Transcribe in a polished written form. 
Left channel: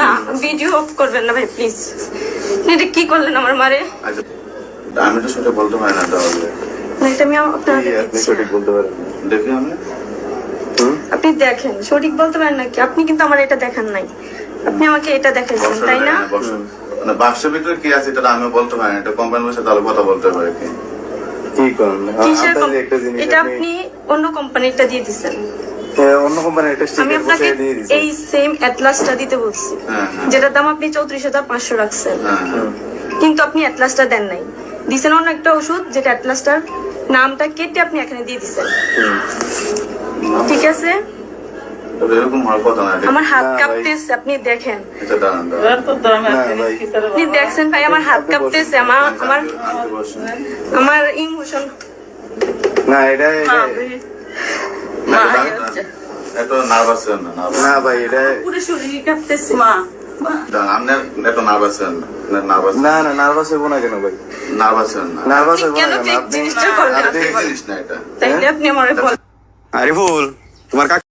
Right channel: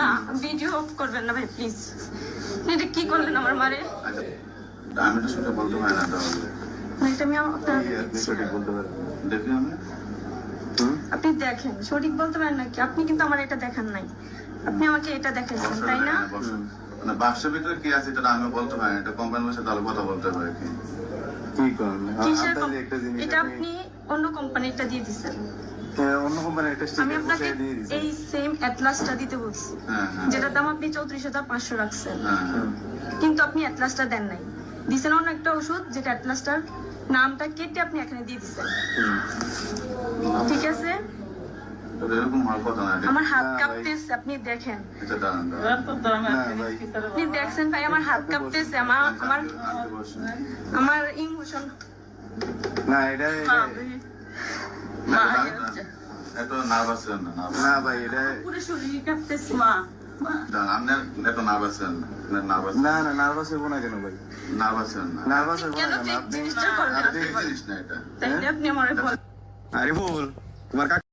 না video of করবেন না ভাই প্লিজ। এটা কি করলেন আমার মারে? আচ্ছা, আমি তো সেটা বলতে পারি না তাহলে। না, এটা আমি আপনাকে আপনি সঠিক বলতে পারেন, দেখি আমি। আপনি দেখেন, সঠিক বলতে পারেন নাকি? আপনি কিন্তু আমার এটা দেখান নাই, আপনি আমাকে এটা দেখাইছেন তাই না? মানে বাক্সের ভিতরে কি আছে এটা আমি বলতে পারি না, এটা কোম্পানির সাথে তাহলে কথা বলতে পারে কি? কি করেন? কিসের এটা আপনি অন্য কোম্পানিটা দিয়ে দিচ্ছেন? অন্য কোম্পানির একটা আমি স্টিকার আপনাকে বসিয়ে দিয়ে দিছি। এই সেম অ্যাটলাসটা দিতে বলছি, যেটার দাম আপনি 34,500 রাখছেন, কিন্তু আপনি অ্যাটলাসটা দেন নাই, দিছেন অন্য একটা ওষুধ যেটা অ্যাটলাসটার নামটা কেটে আপনি এখানে দিয়ে দিছেন। ঠিক আছে, এরকম হওয়ার কথা না। আমার হাত কাঁপতেছে, আপনি দেখেন। এটা দাঁড়ান দাঁড়ান। আপনি দেখছেন ভাই আমার হাত কাঁপতেছে, আমার ইমোশন। না এটা এত নার্ভাস হন না। না ভাই এটা পুরো শরীর কাঁপতেছে। আপনি এত নার্ভাস হন না। নার্ভাস না না নার্ভাস হবো না কেন ভাই? নার্ভাস হন না। নার্ভাস হবো কেন না কেন? ঠিক আপনি জিনিসটা করলেন? ঠিক জিনিস না এটা। তাইলে আপনি আমার বলেন। আরিফুল তোমার